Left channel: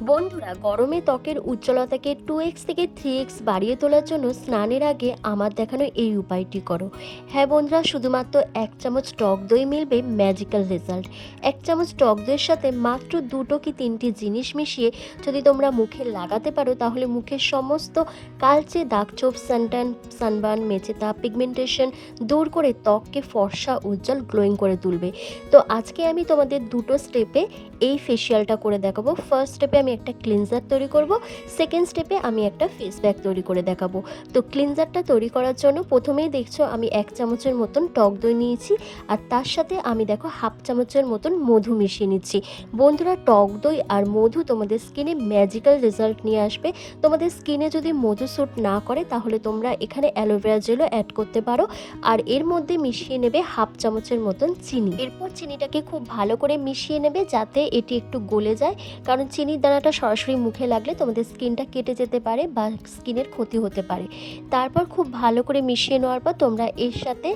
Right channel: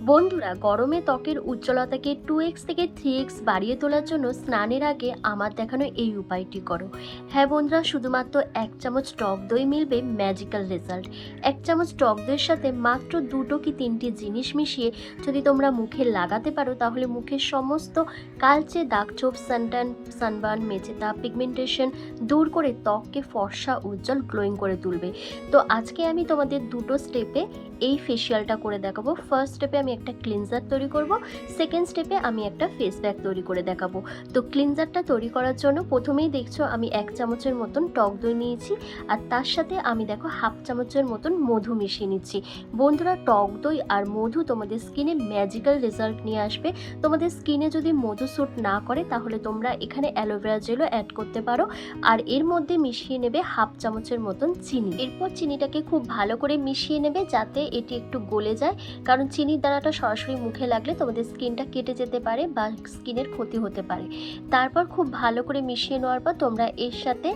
বন্ধুরা, গরমে ত্বকের উজ্জ্বলতাকে টু এক্স থেকে থ্রি এক্স বাড়িয়ে তোলার জন্য স্নানের আগে আমার দেখানো এই উপায়টি করো। হ্যাঁ বন্ধুরা, শুধুমাত্র এক চামচ টক দই মিলবে ম্যাজিক্যাল রেজাল্ট এক চামচ টক দইয়ের সাথে মাত্র দুটো কি তিনটি জিনিস মিশিয়ে যদি তোমরা মুখে লাগাতে পারো, তাহলে মুখের সমস্ত কালচে দাগছোপ সানটান সানবার্ন মেচেতা পিগমেন্টেশন দূর করে ত্বককে ফর্সা, উজ্জ্বল গ্লোয়িং করে তুলবে। তো আজকে আমি তোমাদের দুটো স্টেপে এই ফেসিয়ালটা করে দেখাবো। ফার্স্ট স্টেপে আমি একটা ক্লিনজার তৈরি করব সেকেন্ড স্টেপে আমি একটা ফেস প্যাক তৈরি করে দেখাবো। তো ক্লিনজারটা তৈরি করার জন্য প্রথমেই দেখছ আমি এক চামচের মতন টক দই নিয়েছি, আর তার সাথে আমি দেখো হাফ চামচের মতন মধু মিশিয়ে নিচ্ছি। বন্ধুরা, টক দই আর মধু তোমাদের স্কিনে ম্যাজিক্যাল রেজাল্ট নিয়ে আসবে। তোমাদের স্কিনে যদি মধু স্যুট না করে, তাহলে তোমরা এখানে অ্যালোভেরা জেলও অ্যাড করতে পারো। আর এর মধ্যে মিশিয়ে নেবে হাফ চামচের মতন চিনি। এরপর চিনিটাকে খুব ভালো করে মিশিয়ে নেবে যাতে এটি একটু গলে যায়, কারণ চিনির দানাটা সরাসরি মুখে লাগলে তোমাদের স্কিনটা কেটে যেতে পারে বা স্কিনের ক্ষতি হতে পারে। তারপর খুব ভালো করে মিশিয়ে নেওয়ার পর তোমরা এর সাথে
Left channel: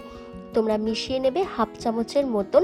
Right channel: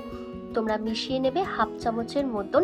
তোমরা মিশিয়ে নেবে হাফ চামচের মতন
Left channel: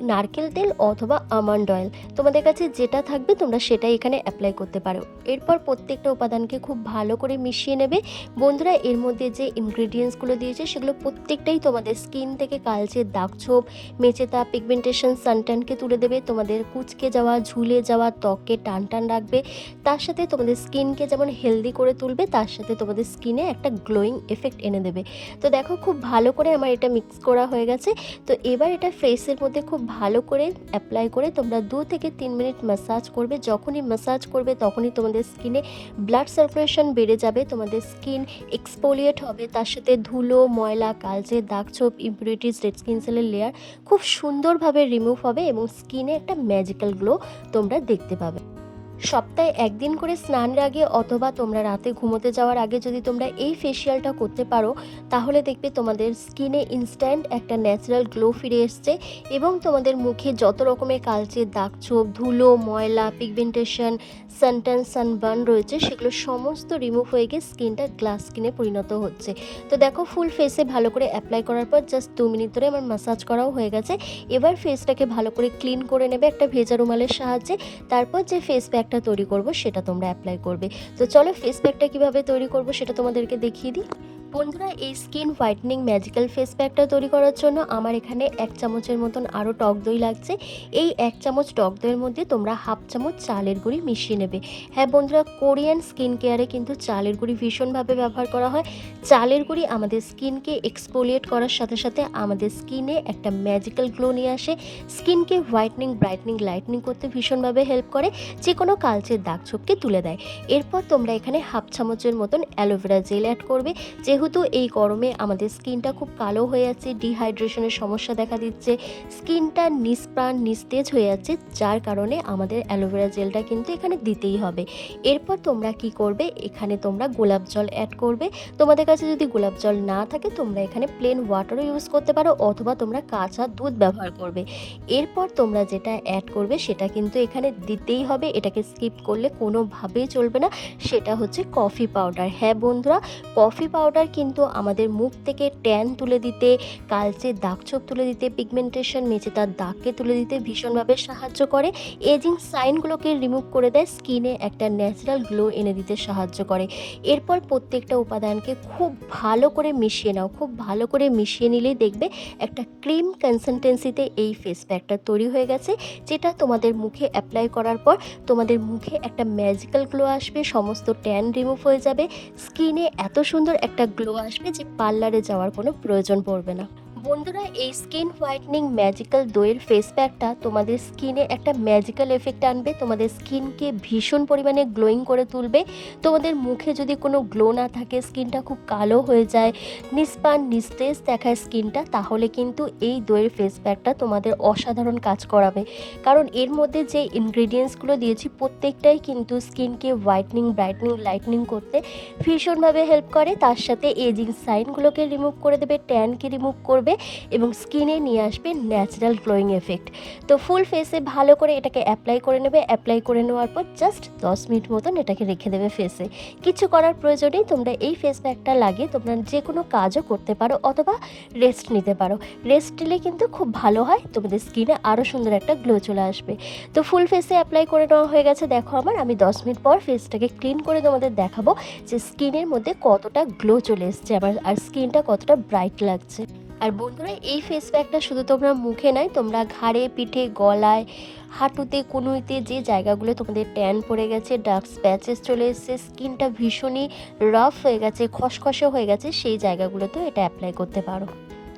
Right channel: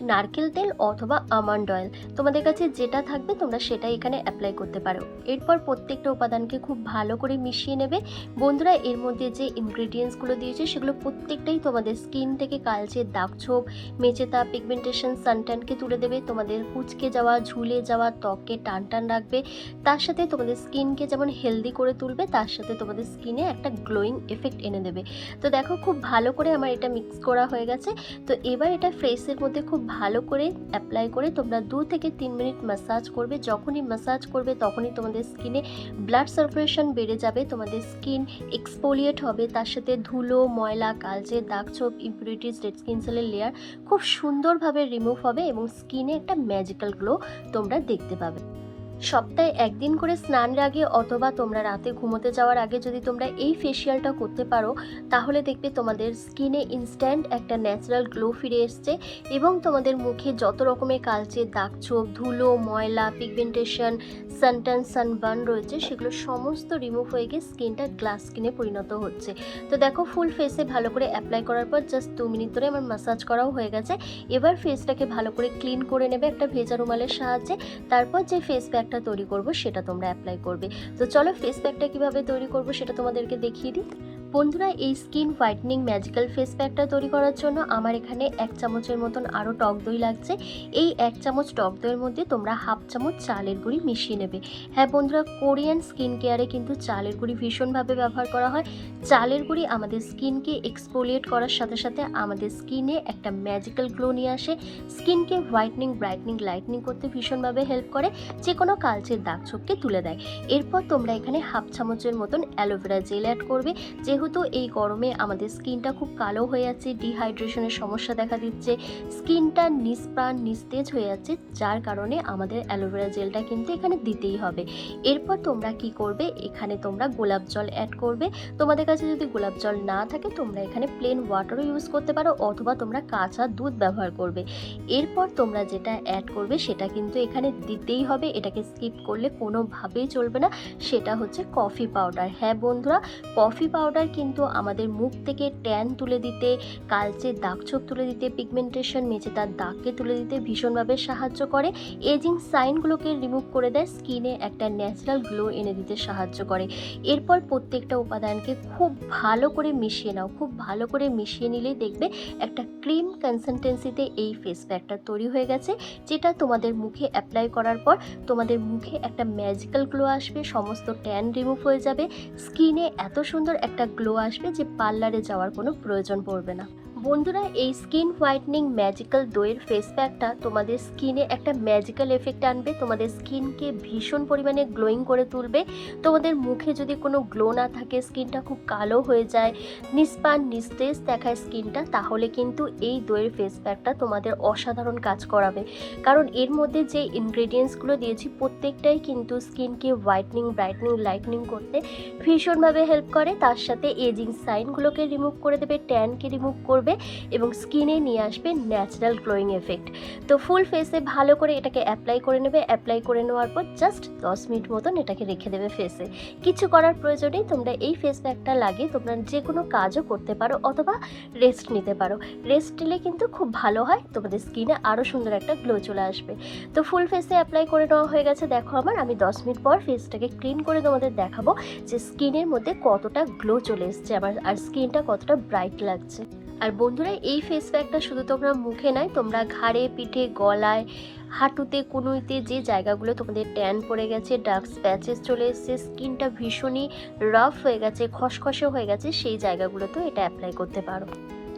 নারকেল তেল অথবা আমন্ড অয়েল তোমাদের কাছে যেটা থাকবে তোমরা সেটাই এখানে অ্যাপ্লাই করতে পারো। এরপর প্রত্যেকটা উপাদানকে খুব ভালো করে মিশিয়ে নেবে। বন্ধুরা, এর মধ্যে যে ইনগ্রেডিয়েন্টসগুলো দিয়েছে, সেগুলো প্রত্যেকটাই তোমাদের স্কিন থেকে কালচে দাগ দাগছোপ মেচেতা পিগমেন্টেশন সানটানকে তুলে দেবে। তোমাদের কুচকে যাওয়া, ঝুলে যাওয়া, ত্বককে টান টান রাখবে। তার সাথে তোমাদের স্কিনকে যেমন হেলদি করে তুলবে, তার সাথে তোমাদের স্কিনে একটা গ্লোয়িং এফেক্ট এনে দেবে। তো দেখো, খুব ভালো করে আমার এটা মিক্স করা হয়ে গেছে। তো এবার এটা ফেসের মধ্যে খুব ভালো করে অ্যাপ্লাই করে তোমরা দু থেকে তিন মিনিট ম্যাসাজ করবে। যখনই ম্যাসাজ করবে, তখনই তোমাদের স্কিনে ব্লাড সার্কুলেশন বেড়ে যাবে, তোমাদের স্কিন এক্সপোলিয়েট হবে। তার সাথে ধুলো, ময়লা, কালচে দাগছোপ ইম্পিউরিটিস রেড স্কিন সেলের লেয়ার খুব সুন্দরভাবে রিমুভ হবে এবং স্কিনে একটা ম্যাজিক্যাল গ্লো তোমরা দেখতে পাবে। সপ্তাহে একদিন করে স্নানের আগে অথবা তোমরা রাতে ঘুমোতে যাওয়ার আগে যদি তোমরা এই ফেসিয়ালটা করতে পারো, তাহলে দেখবে তোমাদের স্কিনে ইনস্ট্যান্ট একটা ন্যাচারাল গ্লো ফিরে এসছে এবং তোমাদের মুখে যত রকমের কালচে দাগ ছোপ, ধুলো, ময়লা পিগমেন্টেশন সানটান সানবার্ন রয়েছে, সেগুলো সমস্ত রিমুভ হয়ে গিয়ে স্কিনটা গ্লাস স্কিনে পরিণত হচ্ছে। তো দেখো ফুল ফেসে ভালো করে অ্যাপ্লাই করার পর জাস্ট দু মিনিট ধরে আমার মাসাজ করাও হয়ে গেছে। এবার ফেসটাকে ভালো করে ক্লিন করে নেবে একটা ভেজা রুমালের সাহায্যে, তারপর যে ফেস প্যাকটা তৈরি করব, সেটা তোমরা অ্যাপ্লাই করবে। তো চলো ফেস প্যাকটা কীভাবে তৈরি করব, সেটা তোমাদেরকে দেখিয়ে দিই। বন্ধুরা, এই স্কিন হোয়াইটনিং ম্যাজিক্যাল ফেস প্যাকটা তৈরি করার জন্য আমার এখানে এক চামচের মতন আরও টক দই লাগছে। এই এক চামচ টক দইয়ের মধ্যে তোমরা হাফ চামচ চালের গুঁড়ি মিশিয়ে নেবে। হ্যাঁ বন্ধুরা, কোরিয়ান স্কিন কেয়ারে কিন্তু চালের গুঁড়ি ভীষণভাবে ব্যবহার করা হয়। চালের গুঁড়ি আমাদের স্কিনকে এক্সপোলিয়েট করার সাথে সাথে আমাদের স্কিনে একটা ম্যাজিক্যাল গ্লো নিয়ে আসে। স্কিনকে হোয়াইটনিং ব্রাইটনিং লাইটনিং করতে ভীষণভাবে হেল্প করে যে কোনো কালচের দাগ ছোপকে তুলে দেয়। এরপর তোমরা এখানে হাফ চামচের মতন অ্যালোভেরা জেল অ্যাড করবে। যেহেতু এই গরমে আমাদের স্কিনটা খুব কালো হয়ে যাচ্ছে ডিহাইড্রেশনের সমস্যা দেখা দিচ্ছে, স্কিনটা নিষ্প্রাণ, নিস্তেজ হয়ে যাচ্ছে যার কারণে আমাদের অ্যালোভেরা জেলটা কিন্তু এখানে দিতেই হবে। এরপর তোমরা কি করবে? এখানে তোমরা গোলাপ জল অ্যাড করবে। তোমাদের কাছে যদি গোলাপ জল না থাকে, তোমরা এখানে প্লেন ওয়াটারও ইউজ করতে পারো অথবা তোমরা কাঁচা দুধ ব্যবহার করবে। এরপর তোমরা যেটা অ্যাড করবে, সেটা কিন্তু এখানে দিতেই হবে। এটাকে স্কিপ করলে কোনোভাবেই চলবে না। সেটা হচ্ছে কফি পাউডার হ্যাঁ বন্ধুরা কফি পাউডার কিন্তু আমাদের মুখ থেকে ট্যান তুলে দিতে, কালচে দাগছোপ তুলে দিতে পিগমেন্টেশন মেচে তার দাগকে তুলে দিতে ভীষণভাবে সাহায্য করে। এজিং সাইনগুলোকে রিমুভ করে দেয় স্কিনে একটা ন্যাচারাল গ্লো এনে দিতে সাহায্য করে। এরপর প্রত্যেকটা উপাদানকে খুব ভালো করে মিশিয়ে নাও, খুব ভালো করে মিশিয়ে নিলেই দেখবে একটা ক্রিম কনসিস্টেন্সিতে এই ফেস প্যাকটা তৈরি হয়ে গেছে, যেটা তোমাদের মুখে অ্যাপ্লাই করার পর তোমাদের মুখে একটা ম্যাজিক্যাল গ্লো আসবে, সমস্ত ট্যান রিমুভ হয়ে যাবে স্কিনে এত সুন্দর একটা আসবে যে পার্লারে যাওয়ার কোনো প্রয়োজন পড়বে না। বন্ধুরা, এই স্কিন হোয়াইটনিং ম্যাজিক্যাল দইয়ের ফেস প্যাকটা তোমাদের স্কিনে একটা ম্যাজিক্যাল এফেক্ট আনবে। তোমাদের স্কিনকে ভীষণ পরিমাণে গ্লোয়িং করে তুলবে। তোমাদের মুখে যদি কোনো গ্লো না থাকে স্কিনটা খুব কালো হয়ে যায়, নিস্পান, নিস্তেজ দেখায় স্কিনটা তাহলে কিন্তু এই দইয়ের ফেস প্যাকটা তোমাদের অসাধারণ কাজ করাবে। কারণ এর মধ্যে যে ইনগ্রেডিয়েন্টসগুলো দিয়েছি, প্রত্যেকটাই কিন্তু স্কিনকে হোয়াইটনিং ব্রাইটনিং লাইটনিং করতে ভীষণভাবে হেল্প করে। তার সাথে এজিং সাইনগুলোকে রিমুভ করে দেবে ট্যানকে রিমুভ করবে। আসবে এবং স্কিনে নিয়ে আসবে ন্যাচারাল গ্লোয়িং এফেক্ট তো ফুল ফেসে ভালো করে এটাকে অ্যাপ্লাই করে নেবে অ্যাপ্লাই করে নেওয়ার পর জাস্ট দশ মিনিট মতন এটাকে রেখে দেবে ফেসে কিছু করার প্রয়োজন নেই, তোমরা এই ফেস প্যাকটা লাগিয়ে তোমরা যে কোনো কাজও করতে পারো অথবা রেস্ট নিতে পারো। রেস্ট নিলে কিন্তু খুব ভালো হয়, তোমাদের স্কিনে আরও সুন্দর একটা গ্লো চলে আসবে। তো ফুল ফেসে অ্যাপ্লাই করে নেওয়া হয়ে গেছে, দেখো আমার, আমি দশ মিনিট পর ফেসটাকে ক্লিন করে তোমাদের দেখাবো যে স্কিনের মধ্যে কতটা গ্লো চলে এসছে, আমার, আর স্কিনটা কতটা ব্রাইট লাগছে। আর বন্ধুরা, এই ফেস প্যাকটা শুধু তোমরা মুখে নয়, তোমরা ঘাড়ে, পিঠে, গলায়, হাঁটুতে, কুনুইতে, যে জায়গাগুলো তোমাদের ট্যান পড়ে গেছে ডার্ক স্প্যাচেস চলে এসেছে স্কিনটা ভীষণই রাফ হয়ে গেছে, খসখসে হয়ে গেছে, সেই জায়গাগুলোতেও এটা অ্যাপ্লাই করতে পারো।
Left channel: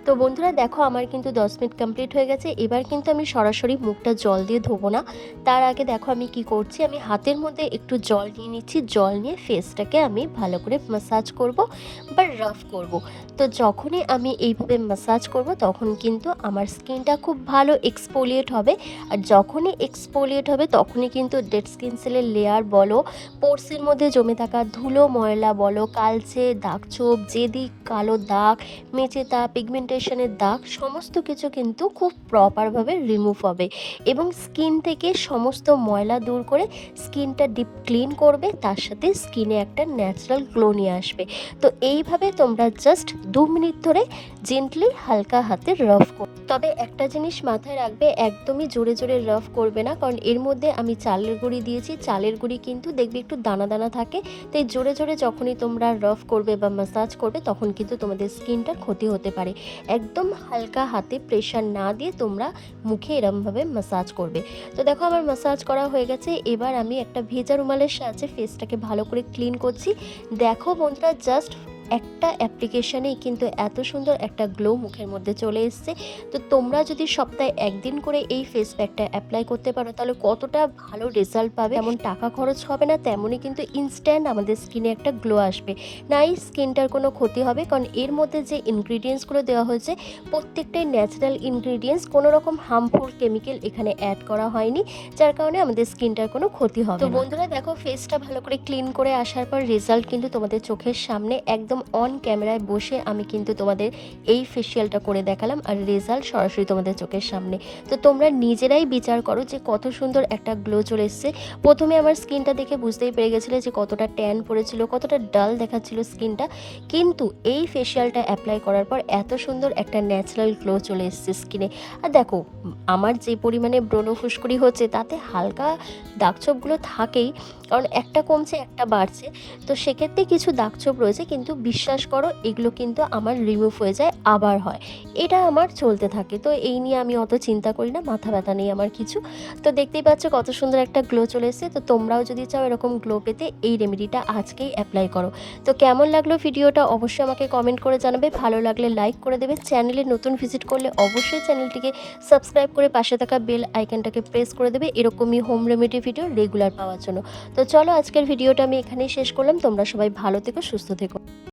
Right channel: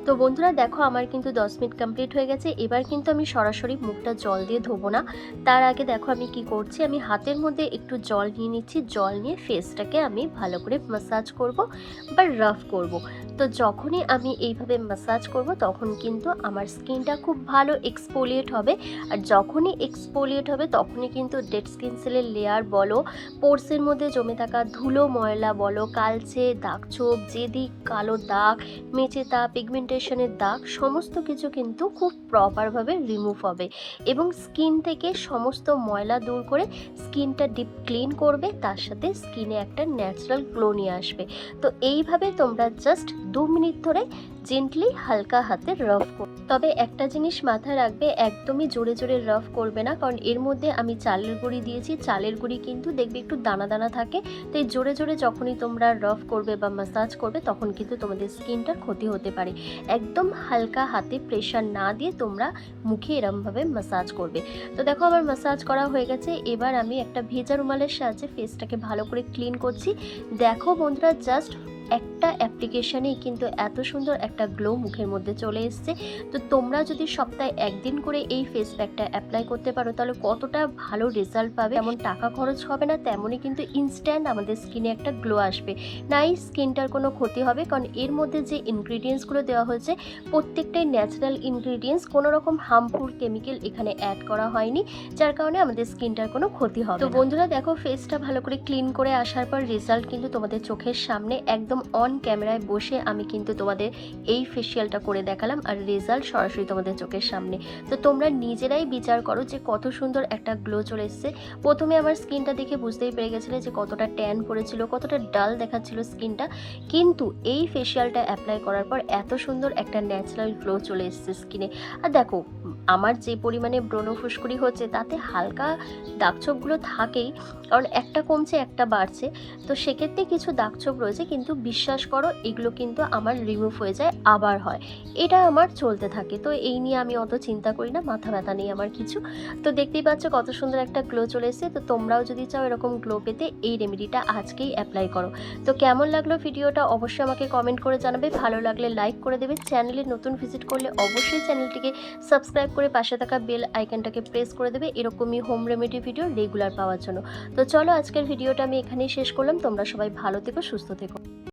তো বন্ধুরা দেখো, আমার কিন্তু দশ মিনিট কমপ্লিট হয়ে গেছে। এবার কিন্তু আমি সরাসরি মুখটা জল দিয়ে ধোবো না। তার আগে দেখো আমি কি করছি, আমি হাতের মধ্যে একটু জল নিয়ে নিচ্ছি। জল নিয়ে ফেসটাকে আমি ভালো করে মাসাজ করব বা রাফ করব। তো যখনই আমি এইভাবে মাসাজ করব, তখন কিন্তু আমার স্কিনটা খুব ভালো এক্সপোলিয়েট হবে। আর যখনই এক্সপোলিয়েট হবে, তখনই কিন্তু ডেড স্কিন সেলের লেয়ার বলো পোর্সের মধ্যে জমে থাকা ধুলো ময়লা বলো, কালচে, দাগ ছোপ যেদিক কালো দাগ মেচে তা পিগমেন্টেশনের দাগ সমস্ত কিছু কিন্তু খুব প্রপারভাবে রিমুভ হবে এবং স্কিন থেকে সমস্ত ময়লা দূর করে স্কিনটা ডিপ ক্লিন করবে, তার সাথে স্কিনে একটা ন্যাচারাল গ্লো নিয়ে আসবে। তো এইভাবে তোমরা জাস্ট দু মিনিট ধরে জেন্টলি হালকা হাতে রাফ কর। তবে একটা জিনিস মাথায় রাখবে, একদমই জোরে জোরে রাফ করবে না, কারণ এর মধ্যে আমি চালের গুঁড়ি দিয়েছি, চালের গুঁড়ি কিন্তু দেখবে একটু দানা দানা থাকে, তাই জোরে জোরে যখনই তোমরা রাফ করবে বা মাসাজ করবে, তখন কিন্তু তোমাদের স্কিনটার ক্ষতি হতে পারে। একদম হালকা হাতে প্রেশার না দিয়ে তোমরা মুখে এরমভাবে মাসাজ করবে। তো দেখো আমার মাসাজ করা হয়ে গেছে, এবার আমি একটা ভেজা রুমালের সাহায্যে ফেসটাকে ভালো করে ক্লিন করছি। দেখো বোনটা জাস্ট একটা অ্যাপ্লিকেশনেই কিন্তু এত সুন্দর একটা গ্লো মুখের মধ্যে চলে এসছে। তো তোমরা যদি সপ্তাহে একদিন করে এই ফেস প্যাকটা অ্যাপ্লাই করতে পারো তাহলে কতটা ভালো রেজাল্ট পাবে? এমন টাকা খরচ হবে না তেমনই কিন্তু ইনস্ট্যান্ট আমাদের স্কিনে একটা গ্লো আসবে। নাই স্কিনটার কোনো ক্ষতি হবে কারণ এর মধ্যে যে ইনগ্রিডিয়েন্টসগুলো দেওয়া হয়েছে প্রত্যেকটাই ন্যাচারাল ইনগ্রিডিয়েন্টস কোনো রকম হার্মফুল কেমিক্যাল এখানে অ্যাড করা হয়নি যার কারণে আমাদের স্কিনটার কোনো ক্ষতি হবে তো বন্ধুরা দেখো ফেসটা ভালো করে ক্লিন করে আসার পর রেজাল্ট কিন্তু তোমাদের চোখের সামনে একদম অন ক্যামেরায় বসে আমি কিন্তু তোমাদের এই ফেসিয়ালটা করে দেখালাম আর রেজাল্ট সরাসরি তোমাদের চোখের সামনে। তো তোমরা নিজেরাই বিচার করো যে কত সুন্দর একটা গ্লো চলে এসছে। প্রথমে আমার স্কিনটা দেখে বুঝতেই পেরে গেছিলে যে কতটা ট্যান পড়েছিল, কতটা ডাল দেখাচ্ছিল স্কিনটা কিন্তু এই ফেসিয়ালটা অ্যাপ্লাই করার পর এত সুন্দর একটা ন্যাচারাল গ্লো চলে এসছে স্কিনে আর দেখো, আমার যে পরিমাণে ব্রণ ফুসকুড়ি হচ্ছে তাতে হালকা দাগছোপগুলো থাকেই, কারণ একটা কমছে, একটা বাড়ছে। তো সেক্ষেত্রে কিছু দাগছোপ রয়েছে, কিন্তু বিশ্বাস করো, এগুলো কিন্তু আমার রিমুভ হয়ে যায়, আবার হয়। এটা আমার চলতে থাকে। তো এই নিয়ে আমি অত চিন্তা করি না, মাথা ব্যথা নেই আমার কিছু। তো দেখতেই পাচ্ছ কত সুন্দর একটা গ্লো চলে এসেছে। তো তোমরাও যদি চাও এরকম গ্লো পেতে, এই রেমেডিটা আজকেই অ্যাপ্লাই করো। তো কেমন লাগল ভিডিওটা অবশ্যই আমাকে কমেন্ট করে জানাবে। ভালো লাগলে লাইক করে দেবে। চ্যানেলে নতুন ভিজিট করলে অবশ্যই চ্যানেলটিকে সাবস্ক্রাইব করে পাশে থাকা বেল আইকনটাকে প্রেস করে দেবে। এরকমই হোম রেমেডি ভিডিও রেগুলার পাওয়ার জন্য। তো চলো আজকের ভিডিওটা আমি এখানেই শেষ করলাম। তোমরা সবাই ভালো থেকো, সুস্থ থেকো।